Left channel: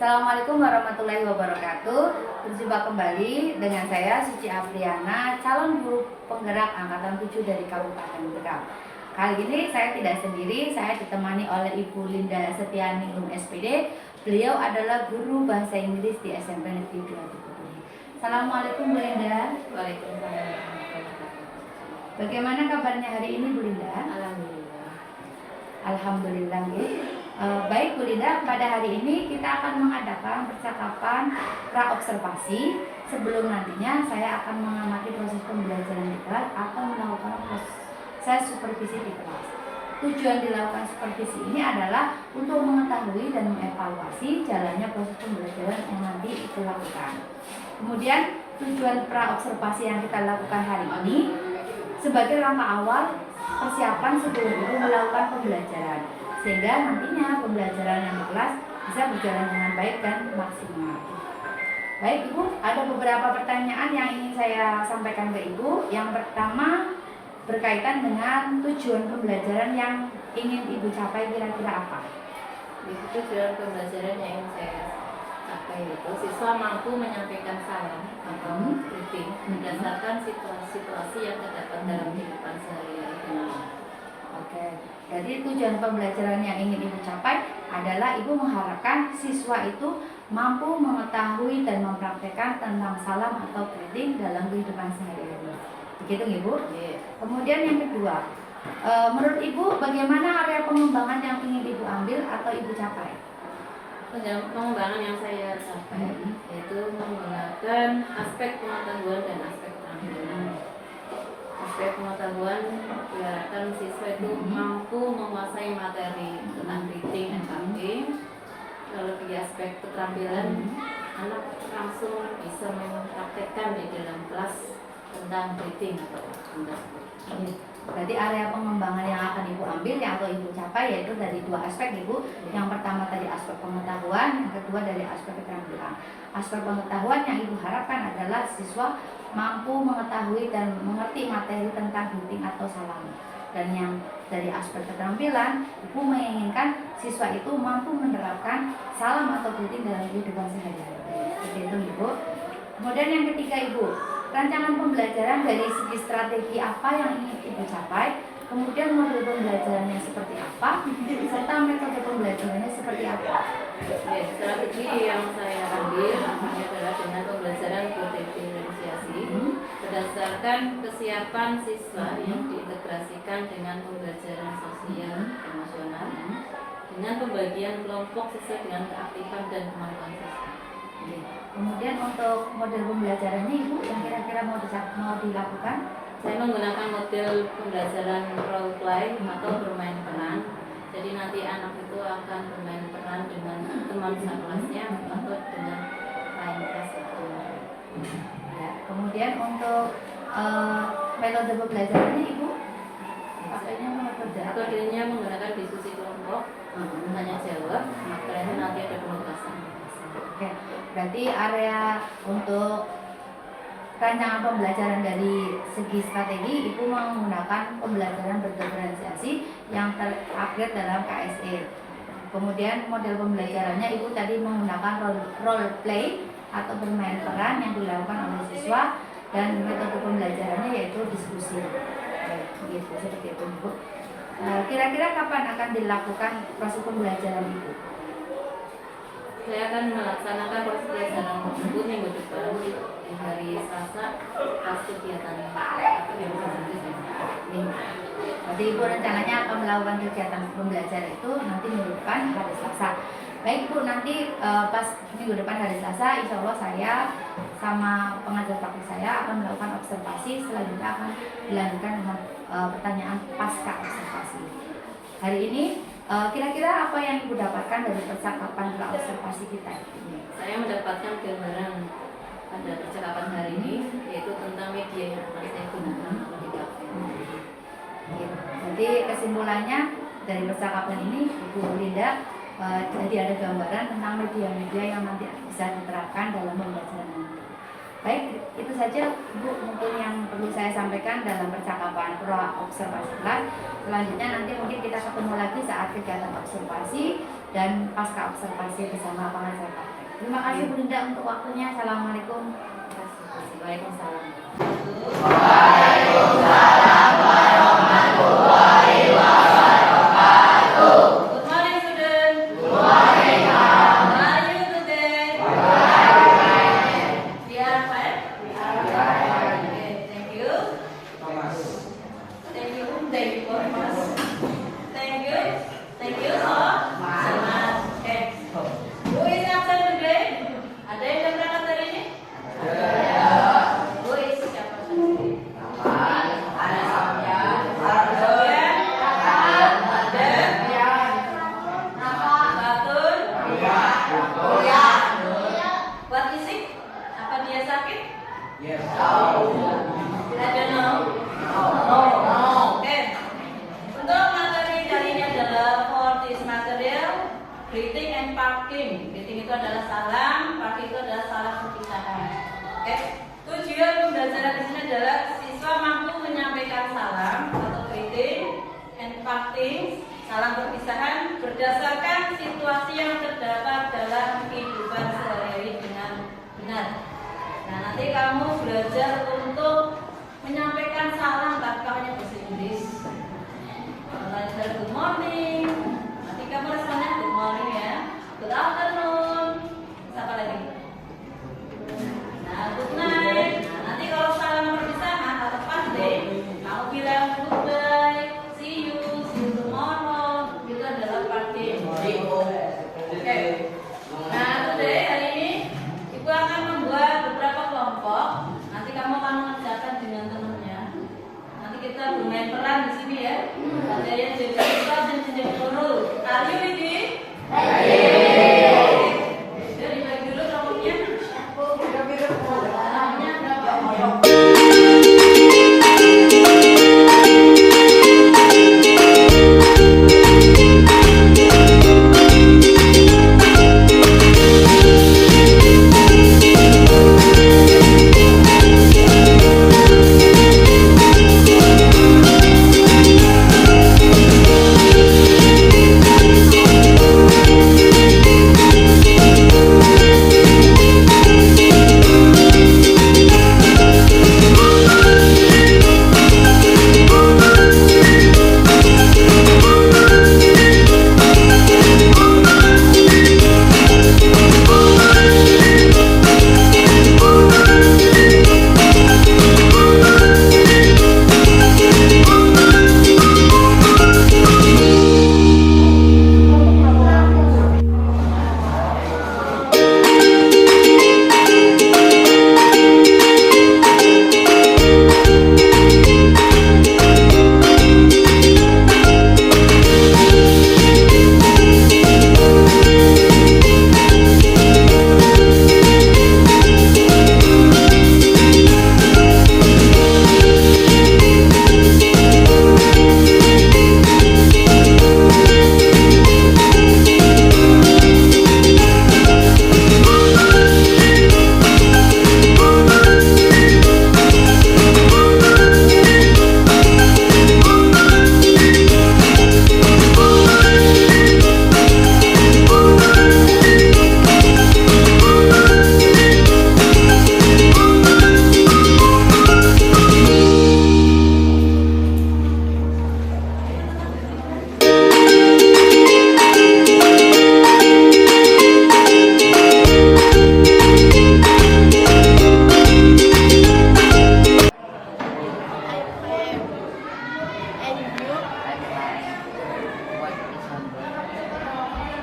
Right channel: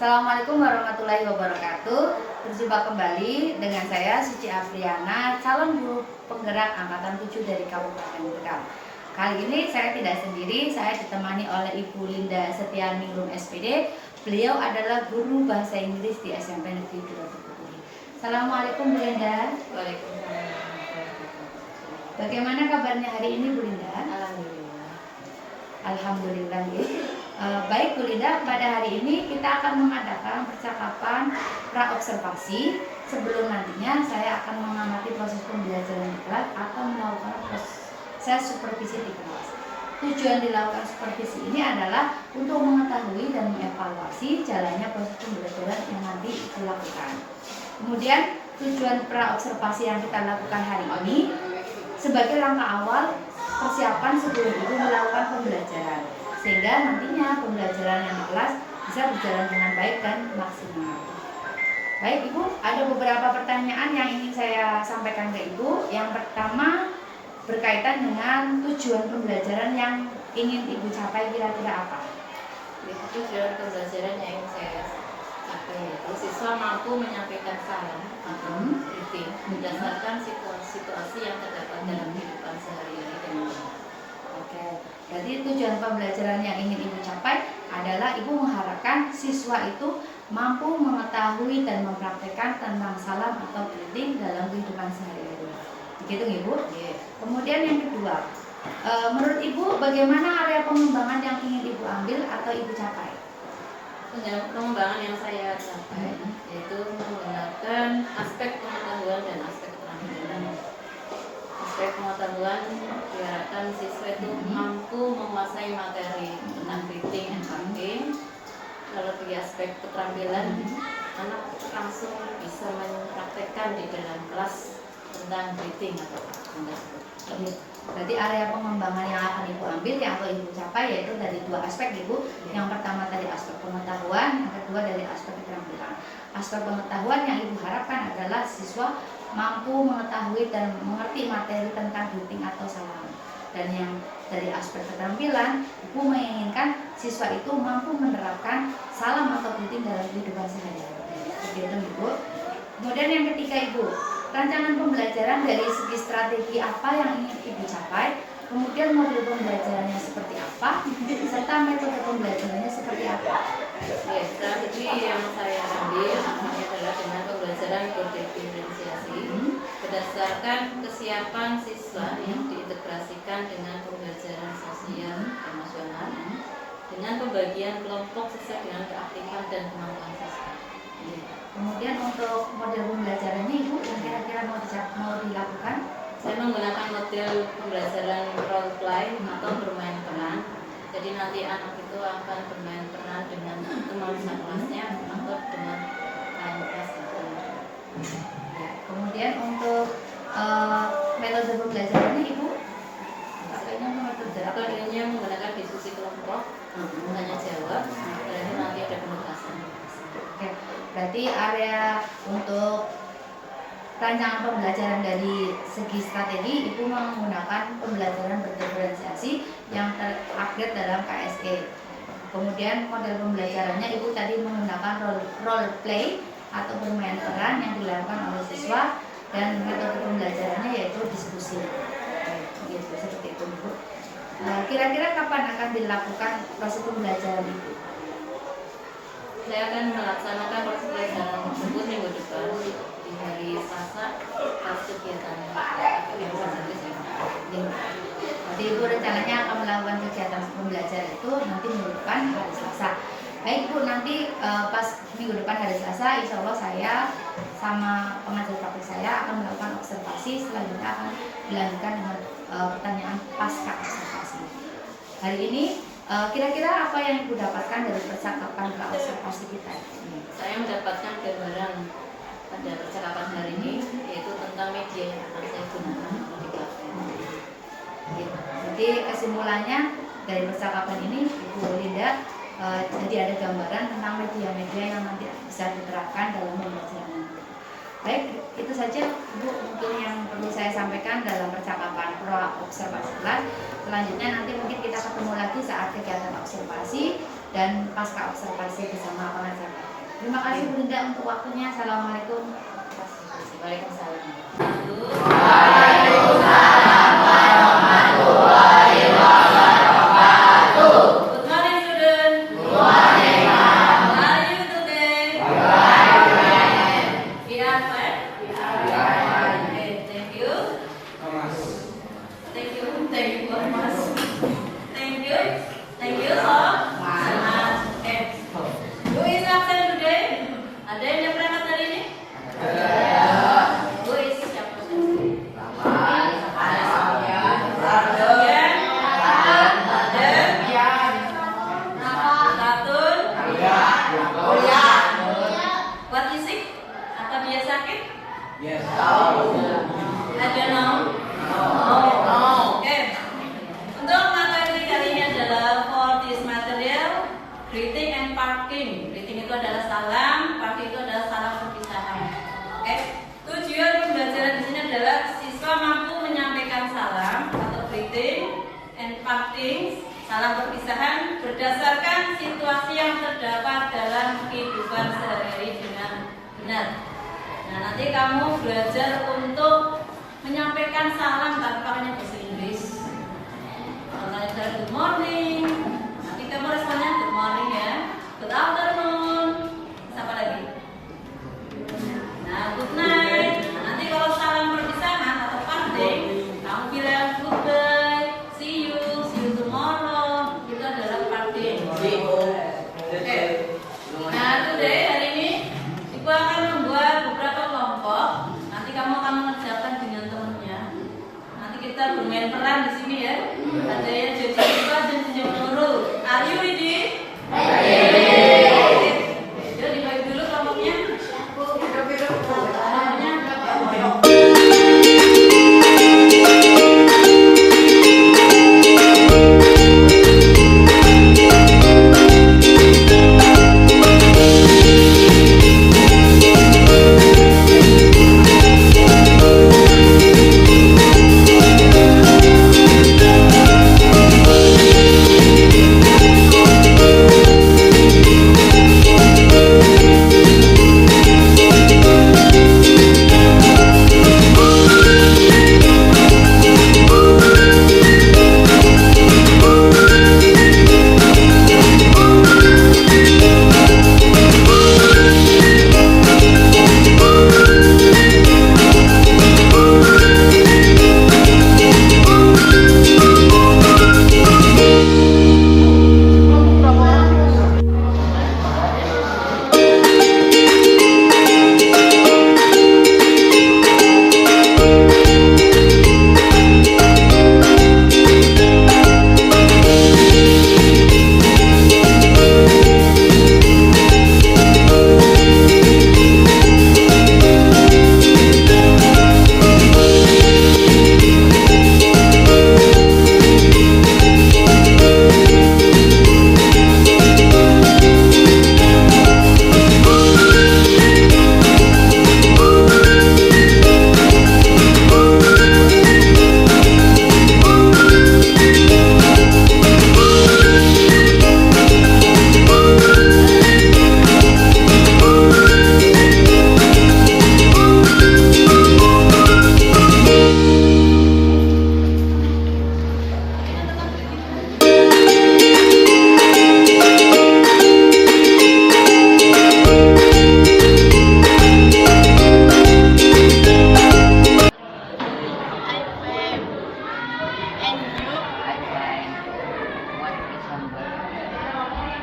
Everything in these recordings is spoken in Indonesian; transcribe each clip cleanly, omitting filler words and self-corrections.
Assalamualaikum warahmatullahi wabarakatuh. Berjumpa kembali dengan saya Suci Afriana, calon guru penggerak angkatan 7 dari Kabupaten Tegal. Kali ini saya tidak sendiri, saya ditemani oleh Ibu Linda Setianingrum SPD. Beliau adalah guru bahasa Inggris di SMP Negeri 2 Bukittinggi. Assalamualaikum Bu Linda. Waalaikumsalam. Bagaimana kabarnya hari ini Bu Linda? Alhamdulillah. Alhamdulillah Bu. Baik Bu Linda, pada hari ini kita akan mengadakan percakapan pra-observasi sebelum nantinya saya akan mengamati proses pembelajaran di kelas atau melakukan proses supervisi di kelas. Tujuan dilakukan supervisi ini adalah untuk mengetahui dan mengevaluasi jalannya proses pembelajaran yang nanti dilakukan. Kemudian tujuan pra-observasi yang kita lakukan hari ini sebagai langkah awal persiapan sebelum itu melakukan pembelajaran, sehingga nantinya pembelajaran yang di kelas bisa berjalan dengan baik dan maksimal. Baik Ibu, ada beberapa pertanyaan yang ingin saya sampaikan ke Ibu. Yang pertama berkaitan dengan tujuan pembelajaran yang ingin Ibu capai, kira-kira apa? Tujuan pembelajaran yang ingin saya capai itu siswa mampu menyampaikan saran atau kritik berdasarkan situasi yang terdapat dalam kehidupan sehari-hari dengan benar. Oke, jadi tujuan pembelajaran yang ingin Ibu capai adalah Ibu mengharapkan siswa itu mampu mengetahui dan mempraktekkan tentang salam atau kritik dalam kehidupan sehari-hari. Begitu Ibu? Kemudian yang kedua, menurut Ibu bagaimana area pengembangan yang ingin Ibu ambil atau Ibu capai? Pengembangan yang saya capai yaitu menggunakan aspek pengetahuan dan aspek keterampilan. Aspek pengetahuan diharapkan siswa itu mampu menguasai materi tentang reading and writing. Lalu di aspek keterampilan, anak langsung bisa mempraktekkan di dalam kelas tentang reading atau tersebut. Berarti area pengembangan yang akan Ibu ambil yang atau Ibu capai yaitu dari dua aspek Ibu. Yang pertama tadi aspek pengetahuan, yang kedua dari aspek keterampilan. Aspek pengetahuan yang Ibu harapkan adalah siswa mampu mengetahui dan mengerti materi tentang greeting atau salam. Dan yang dari aspek keterampilan, Ibu menginginkan siswa itu mampu menerapkan salam atau greeting dalam kehidupan sehari-hari. Begitu Ibu. Kemudian yang ketiga Ibu, rancangan pembelajaran dari segi strategi apa yang ingin Ibu capai, kemudian model pembelajarannya seperti apa, serta metode pembelajarannya seperti apa. Ya, strategi yang saya ambil adalah dengan pembelajaran berdiferensiasi berdasarkan kesiapan siswa yang diintegrasikan dengan pembelajaran sosial emosional dengan pembagian kelompok sesuai dengan keaktifan dan kemampuan siswa. Kemudian untuk model pembelajarannya Ibu yang kira-kira mau dilakukan? Saya menggunakan model pembelajaran role play atau bermain peran. Jadi nanti anak itu akan bermain peran dengan teman sekelasnya atau dengan lain kelas itu. Ya, kemudian untuk metode pembelajarannya Ibu? Metodenya menggunakan diskusi kelompok, tanya jawab, setelah itu nanti ada penugasan. Oke, berarti area untuk rancangan pembelajaran dari segi strategi Ibu menggunakan pembelajaran berdiferensiasi yang terupgrade dalam KSE. Kemudian model pembelajarannya Ibu tadi menggunakan role play atau bermain peran yang dilakukan oleh siswa, dan metode pembelajarannya yaitu diskusi. Begitu, seperti itu Ibu. Kira-kira kapan akan dilakukan proses pembelajaran Ibu? Saya akan melaksanakan proses pembelajaran tersebut minggu depan di hari Selasa pas kegiatannya. Jadi Ibu rencananya akan melakukan kegiatan pembelajaran itu nanti minggu depan hari Selasa. Baik Bu, nanti pas minggu depan hari Selasa, insya Allah saya sama pengajar praktik saya akan melakukan observasi. Selanjutnya akan dilanjutkan dengan pertanyaan pasca observasi. Hari ini kira-kira apa yang Ibu dapatkan dari percakapan observasi kita ini? Saya mendapatkan gambaran pada percakapan hari ini, yaitu tentang media yang akan saya gunakan untuk di kafe. Jadi kesimpulannya dari percakapan ini Ibu Linda jadi ada gambaran tentang media-media yang nanti bisa diterapkan dalam pembelajaran nanti. Baik, itu saja Bu mungkin yang perlu saya sampaikan dalam percakapan pra-observasi kelas. Selanjutnya nanti mungkin kita ketemu lagi saat kegiatan observasi dan pasca observasi bersama pengajar. Terima kasih Bu Linda untuk waktunya. Assalamualaikum. Waalaikumsalam. Good morning, student. Good morning, ma'am. How are you today? We are fine. Okay, thank you. Thank you very much. Thank you so much. Okay. Who is absent today? Ada yang berangkat hari ini? Who is siapa tadi? What is it? Apa dia sakit? Yes. I don't know. No. Okay. Untuk materi kali ini adalah for this material greeting and parking. Greeting itu adalah salam, parking itu adalah salam perpisahan. Oke. Tujuan pembelajaran di sini adalah siswa mampu menyampaikan salam atau greeting and parking, salam perpisahan berdasarkan situasi yang terdapat dalam kehidupan sehari-hari dengan benar. Nah, nanti kamu belajar untuk menyampaikan salam tanpa hanya bahasa Inggris. Contohnya saya good morning, nanti kamu responnya good morning ya. Good afternoon, siapa lagi? Nah, good night. Nanti kalau salam perpisahan atau parting, kamu bilang goodbye, see you tomorrow. Itu adalah parting. Oke. Nah, today hari ini Ibu akan membuat beberapa kelompok. Nanti kamu akan mengerjakan dengan temannya. Nanti kita bermain peran di sini ya. Ada yang jadi kita dan jadi guru. Are you ready? Jadi dibagi dulu kelompoknya.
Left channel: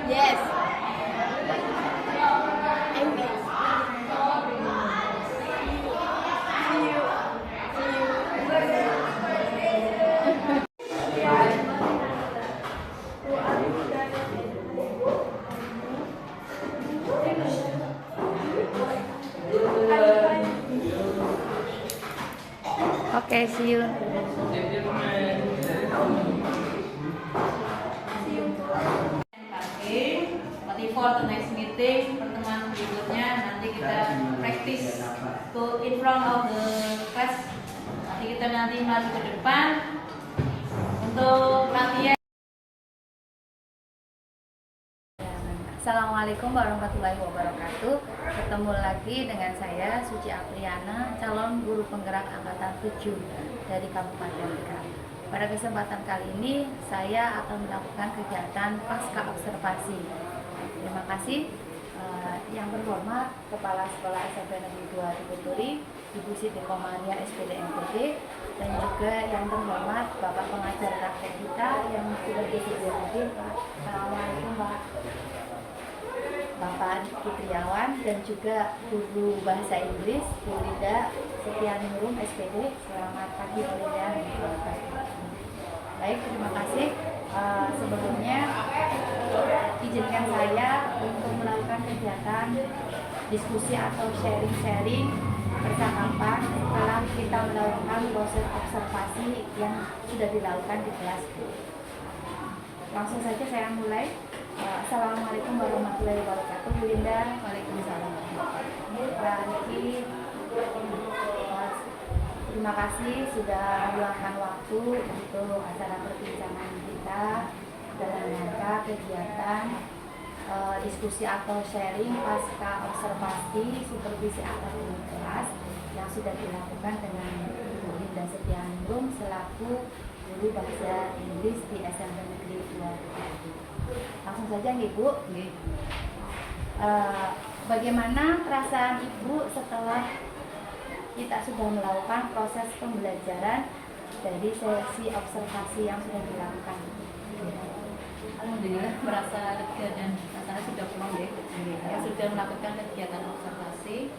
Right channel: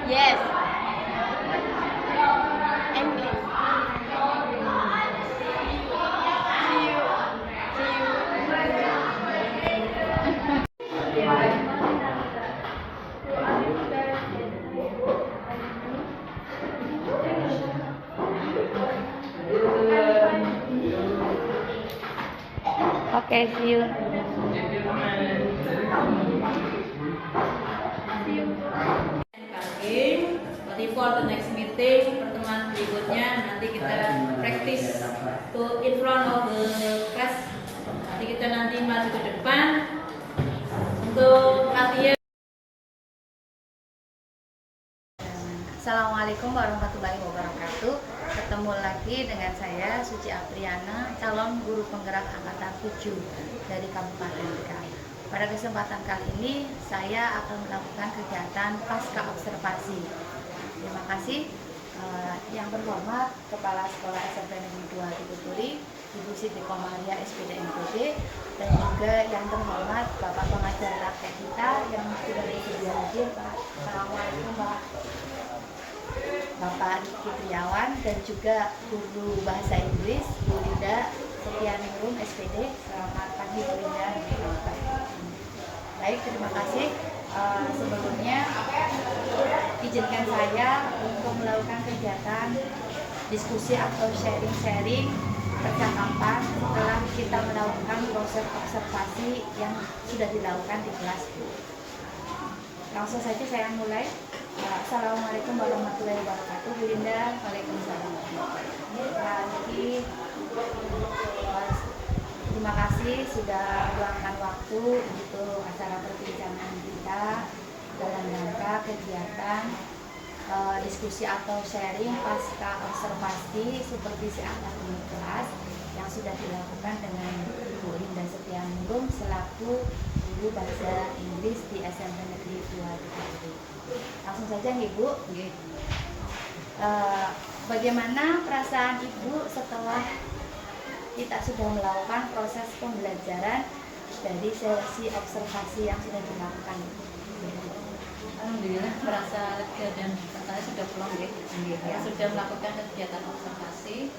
Yes. And Okay, see you. For the next meeting, pertemuan berikutnya nanti kita practice put in front of the class. Nanti kita maju ke depan untuk latihan. Assalamualaikum Assalamualaikum warahmatullahi wabarakatuh. Ketemu lagi dengan saya Suci Apriana, calon guru penggerak angkatan 7 dari Kabupaten Bekasi. Pada kesempatan kali ini saya akan melakukan kegiatan pasca observasi. Terima kasih yang terhormat Kepala Sekolah SMP Negeri 2 Tubuturi, Ibu Siti Komaria SPD NPB, dan juga yang terhormat Bapak pengajar rakyat kita yang sudah bersedia hadir, Pak. Assalamualaikum, Pak. Bapak Fitriawan, dan juga guru bahasa Inggris Bu Lida Setianingrum SPD. Selamat pagi Bu Lida. Baik, terima kasih. Sebelumnya izinkan saya untuk melakukan kegiatan diskusi atau sharing-sharing percakapan setelah kita melakukan proses observasi yang sudah dilakukan di kelas. Langsung saja saya mulai. Assalamualaikum warahmatullahi wabarakatuh. Bu Linda. Waalaikumsalam. Pak Niki, terima kasih sudah meluangkan waktu untuk acara perbincangan kita dalam rangka kegiatan diskusi atau sharing pasca observasi supervisi akademik kelas yang sudah dilakukan dengan Ibu Linda Setianingrum selaku guru bahasa Inggris di SMP Negeri 2. Langsung saja Ibu. Bagaimana perasaan Ibu setelah kita sudah melakukan proses pembelajaran dari sesi observasi yang sudah dilakukan? Alhamdulillah merasa lega dan rasanya sudah pulang ya. Kita sudah melakukan kegiatan observasi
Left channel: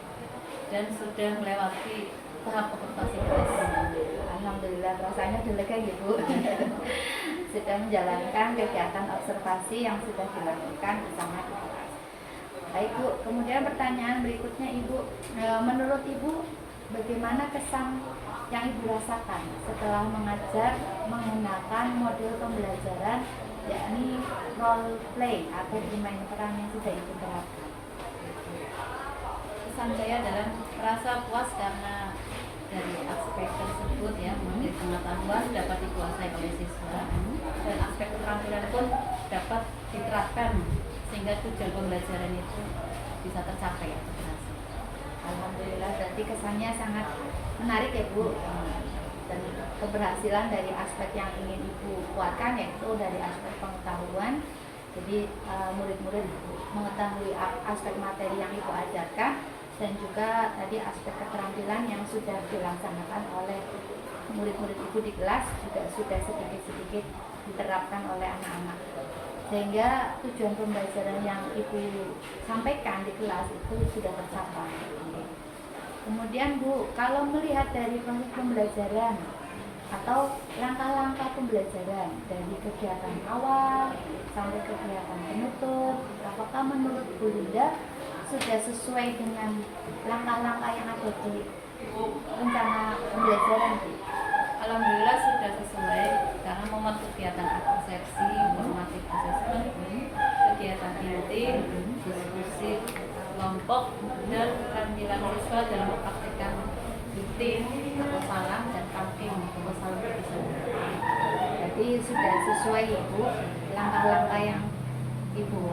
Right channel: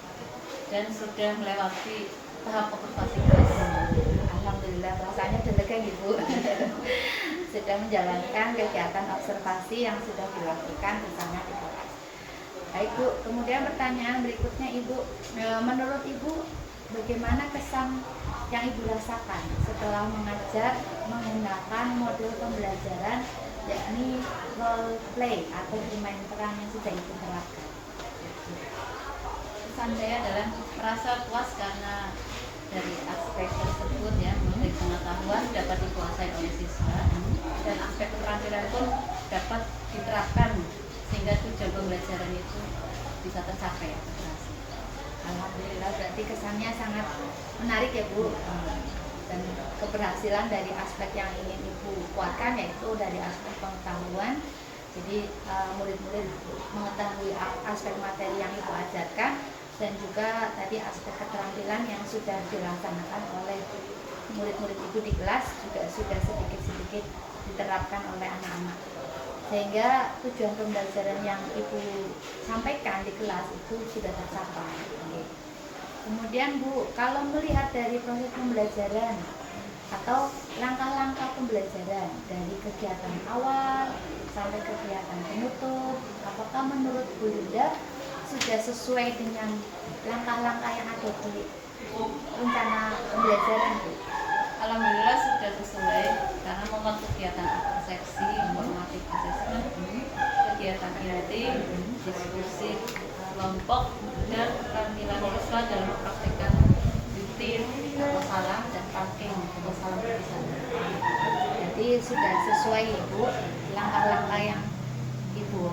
dan sudah melewati tahap observasi kelas. Alhamdulillah rasanya sudah lega Ibu. Sudah menjalankan kegiatan observasi yang sudah dilakukan bersama di kelas. Baik Bu, kemudian pertanyaan berikutnya Ibu, menurut Ibu bagaimana kesan yang Ibu rasakan setelah mengajar menggunakan model pembelajaran yakni role play atau bermain peran yang sudah Ibu terapkan? Kesan saya adalah merasa puas karena dari aspek tersebut ya, mulai pengetahuan dapat dikuasai oleh siswa dan aspek keterampilan pun dapat diterapkan sehingga tujuan pembelajaran itu bisa tercapai atau berhasil. Alhamdulillah, berarti kesannya sangat menarik ya Bu, dan keberhasilan dari aspek yang ingin Ibu kuatkan yaitu dari aspek pengetahuan. Jadi murid-murid mengetahui aspek materi yang Ibu ajarkan dan juga tadi aspek keterampilan yang sudah dilaksanakan oleh murid-murid Ibu di kelas juga sudah sedikit-sedikit diterapkan oleh anak-anak, sehingga tujuan pembelajaran yang Ibu sampaikan di kelas itu sudah tercapai. Kemudian Bu, kalau melihat dari proses pembelajaran atau langkah-langkah pembelajaran dari kegiatan awal sampai kegiatan penutup, apakah menurut Bu Linda sudah sesuai dengan langkah-langkah yang ada di rencana pembelajaran Bu? Alhamdulillah sudah sesuai karena memuat kegiatan persepsi, formatif assessment, kegiatan inti, diskusi kelompok, dan keterampilan siswa dalam mempraktikkan rutin atau salam dan talking atau salam berpesan. Jadi sudah sesuai ya Bu, langkah-langkah yang Ibu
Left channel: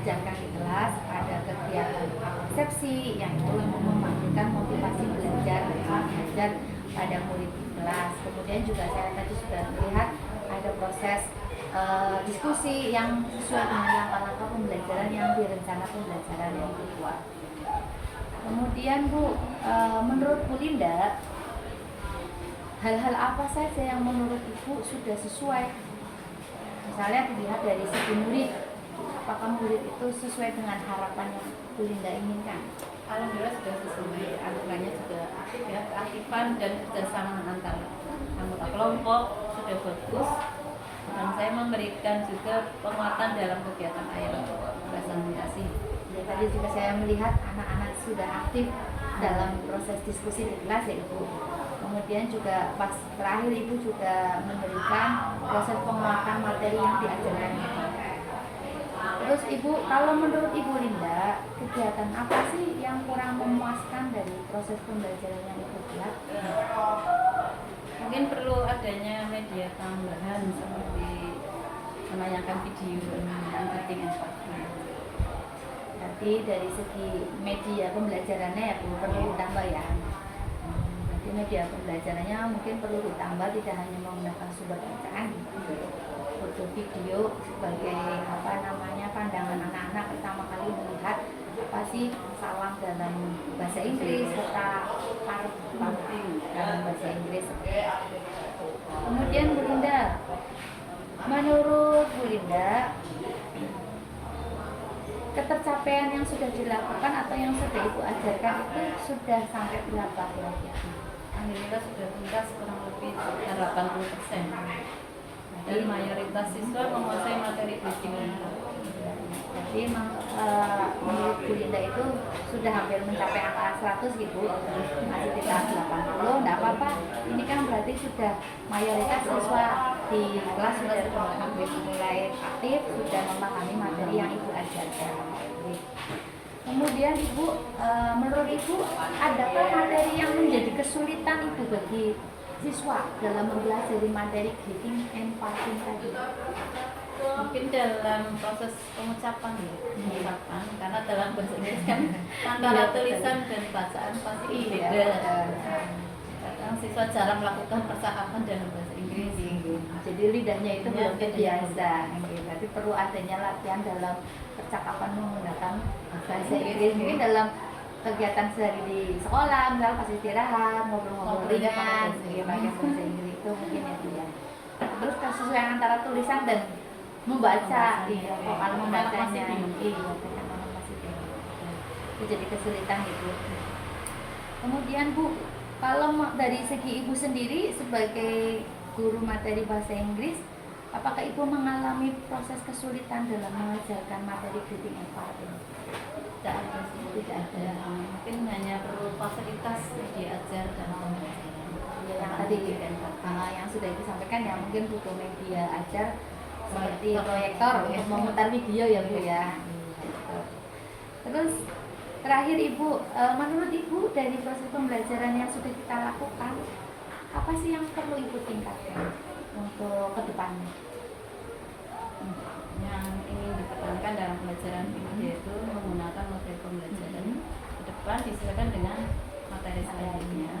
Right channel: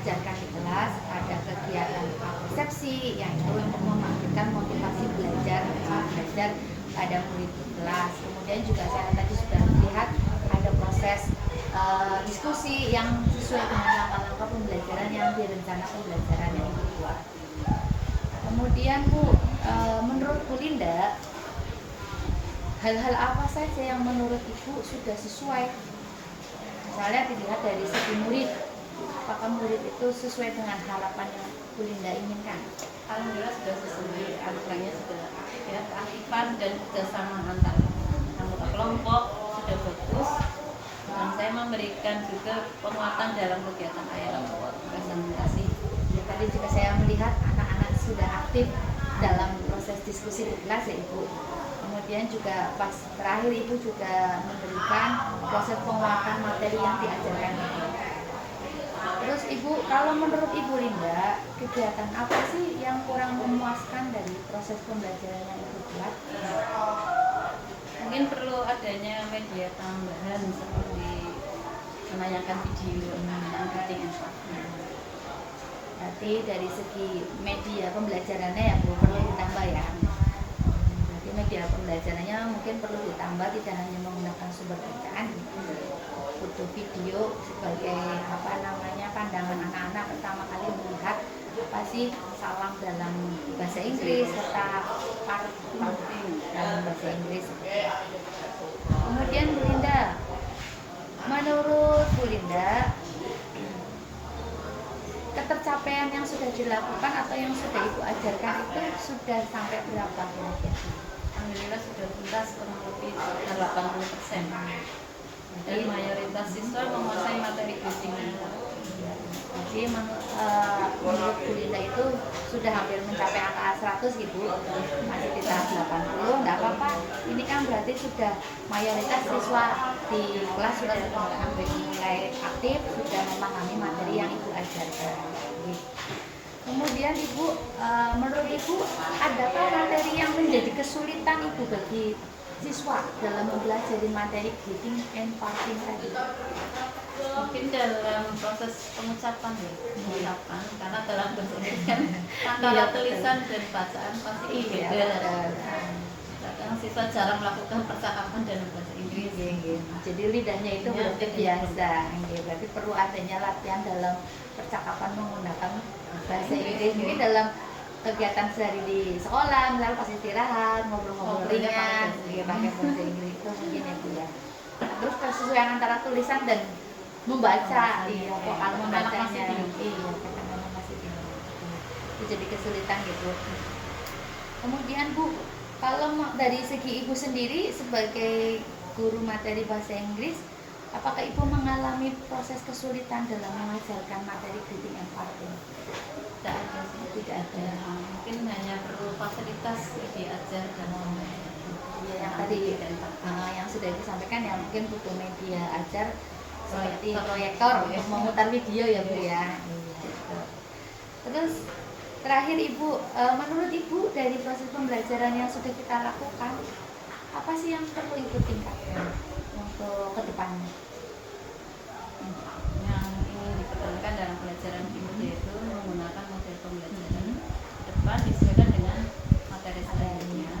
ajarkan di kelas. Ada kegiatan persepsi yang itu untuk memastikan motivasi belajar pada murid kelas. Kemudian juga saya tadi sudah melihat ada proses diskusi yang sesuai dengan langkah-langkah pembelajaran yang direncana pembelajaran yang dibuat. Kemudian Bu, menurut Bu Linda, hal-hal apa saja yang menurut Ibu sudah sesuai? Misalnya dilihat dari segi murid, apakah murid itu sesuai dengan harapan yang Bu Linda inginkan? Alhamdulillah sudah sesuai, aturannya sudah ya, keaktifan dan kerjasama antar anggota kelompok sudah bagus, dan saya memberikan juga penguatan dalam kegiatan IELTS presentasi. Ya, tadi juga saya melihat anak-anak sudah aktif dalam proses diskusi di kelas ya Ibu. Kemudian juga pas terakhir Ibu juga memberikan proses penguatan materi yang diajarkan Ibu. Terus Ibu, kalau menurut Ibu Linda, kegiatan apa sih yang kurang memuaskan dari proses pembelajaran yang Ibu buat? Mungkin perlu adanya media tambahan seperti menayangkan video yang penting. berarti dari segi media pembelajarannya ya Bu perlu ditambah ya. Berarti media pembelajarannya mungkin perlu ditambah, tidak hanya menggunakan sumber bacaan, foto video sebagai apa namanya pandangan anak-anak pertama kali melihat apa sih salam dalam bahasa Inggris serta part dalam bahasa Inggris. Kemudian Bu Linda, menurut Bu Linda, ketercapaian yang sudah dilakukan atau yang sudah Ibu ajarkan itu sudah sampai berapa kira-kira? Alhamdulillah sudah tuntas kurang lebih sekitar 80%. Dan mayoritas siswa menguasai materi reading. Jadi menurut Bu Linda itu sudah hampir mencapai angka 100 Ibu, masih di tahap 80, enggak apa-apa. Ini kan berarti sudah mayoritas siswa di kelas sudah mulai aktif, sudah memahami materi yang Ibu ajarkan. Kemudian Ibu, menurut Ibu, adakah materi yang menjadi kesulitan Ibu bagi siswa dalam mempelajari materi reading and parting tadi? Mungkin dalam proses pengucapan ya, pengucapan karena dalam bahasa Inggris kan antara tulisan dan bacaan pasti beda. Kadang siswa jarang melakukan percakapan dalam bahasa Inggris. Jadi lidahnya itu belum terbiasa. Berarti perlu adanya latihan dalam percakapan menggunakan bahasa Inggris. Mungkin dalam kegiatan sehari di sekolah, misalnya pas istirahat, ngobrol-ngobrol ringan, pakai bahasa Inggris itu mungkin ya dia. Terus kesesuaian antara tulisan dan membaca, vokal membacanya, ketenangan masih tinggi. Itu jadi kesulitan gitu. Kemudian Bu, kalau dari segi Ibu sendiri sebagai guru materi bahasa Inggris, apakah Ibu mengalami proses kesulitan dalam mengajarkan materi reading and parting? Tidak ada sih, Tidak ada. mungkin hanya perlu fasilitas diajarkan. Yang tadi yang sudah disampaikan ya, mungkin butuh media ajar seperti proyektor untuk memutar video ya Bu ya. Terus terakhir Ibu, menurut Ibu dari proses pembelajaran yang sudah kita lakukan, apa sih yang perlu Ibu tingkatkan untuk kedepannya? Yang ingin dipertahankan dalam pelajaran ini yaitu menggunakan model pembelajaran ke depan disesuaikan dengan materi selanjutnya.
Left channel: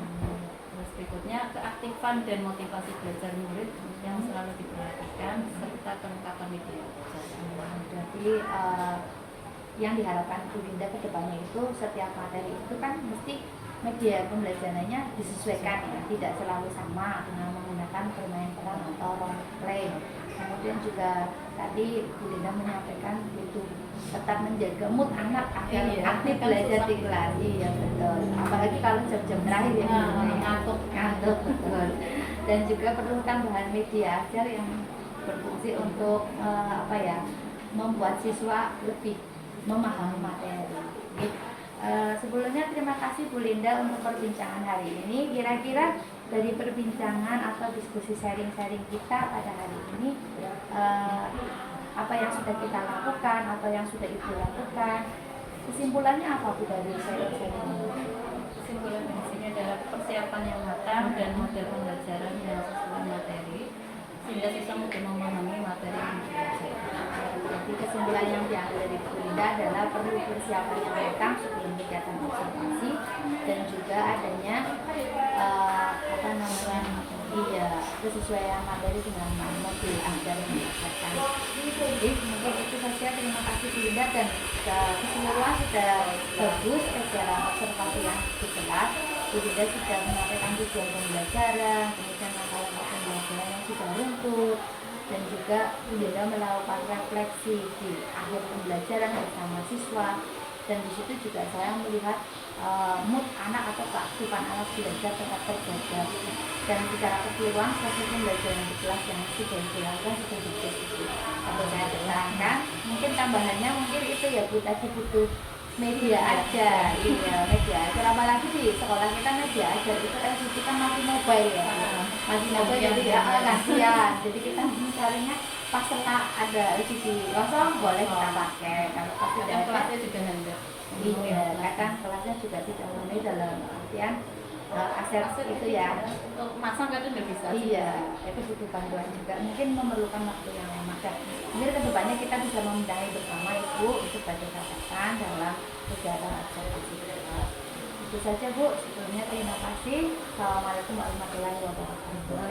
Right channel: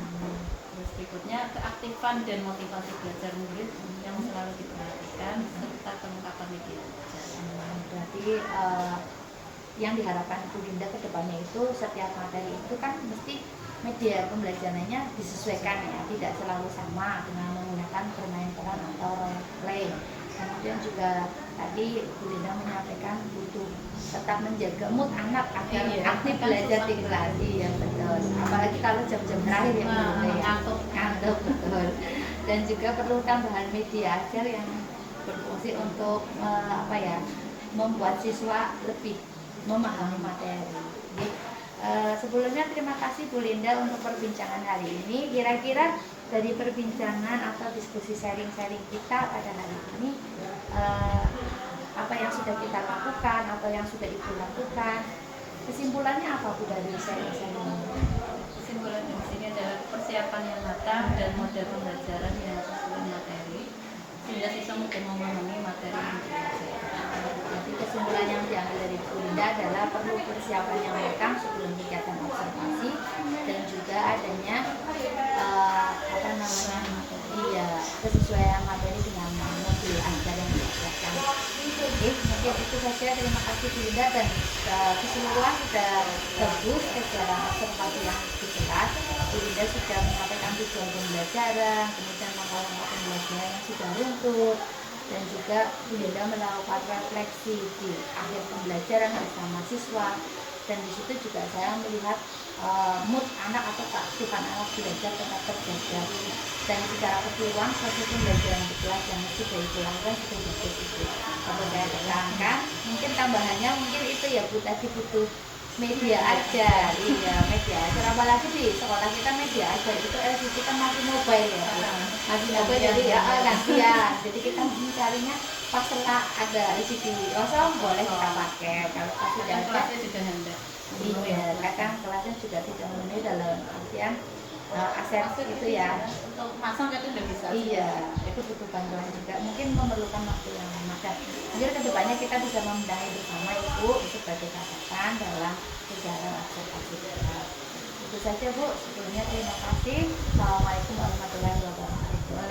Terus berikutnya keaktifan dan motivasi belajar murid yang selalu diperhatikan serta kelengkapan media pelajaran. Berarti yang diharapkan Bu Linda ke depannya itu setiap materi itu kan mesti media pembelajarannya disesuaikan ya, tidak selalu sama dengan menggunakan bermain peran atau role play. Kemudian juga tadi Bu Linda menyampaikan butuh tetap menjaga mood anak agar aktif belajar di kelas. Iya betul. Apalagi kalau jam-jam terakhir ya ngantuk betul. Dan juga perlu tambahan media ajar yang berfungsi untuk membuat siswa lebih memahami materi. Sebelumnya terima kasih Bu Linda untuk perbincangan hari ini. Kira-kira dari perbincangan atau diskusi sharing-sharing kita pada hari ini, apa yang sudah kita lakukan atau yang sudah Ibu lakukan, kesimpulannya apa Bu dari sharing-sharing ini? Kesimpulan di sini adalah persiapan yang matang dan model pembelajaran yang sesuai materi sehingga siswa mudah memahami materi yang dipelajari. Jadi kesimpulan yang diambil dari Bu Linda adalah perlu persiapan yang matang sebelum kegiatan observasi dan juga adanya kesesuaian materi dengan modul ajar yang diajarkan. Oke, mungkin itu saja. Terima kasih Bu Linda, dan keseluruhan sudah bagus kegiatan observasi yang di kelas. Bu Linda sudah menyampaikan tujuan pembelajaran, kemudian langkah-langkah pembelajaran yang sudah runtuh, dan juga Bu Linda melakukan refleksi di akhir pembelajaran bersama siswa. Dan di situ juga saya melihat mood anak atau keaktifan anak belajar tetap terjaga, dan secara keseluruhan proses pembelajaran di kelas yang sudah dilakukan sudah bagus itu. Kalau saya terangkan, mungkin tambahannya mungkin itu ya Bu, tadi butuh media ajar. Iya, media ajar, apalagi di sekolah kita media ajar itu LCD kan masih mobile ya, masih mobile, jadi ya kasihan. Jadi kita mencarinya pas setelah ada LCD kosong boleh kita pakai, kalau pas tidak ada Kelasnya juga hendak. iya, kadang kelasnya juga tidak memenuhi dalam artian aset itu ya. Untuk masak itu udah bisa. Iya, itu butuh bantuan juga. Mungkin memerlukan waktu yang lama. Dan mungkin kedepannya kita bisa membenahi bersama Ibu itu sebagai catatan dalam kegiatan observasi kita. Itu saja Bu. Sebelumnya terima kasih. Assalamualaikum warahmatullahi wabarakatuh.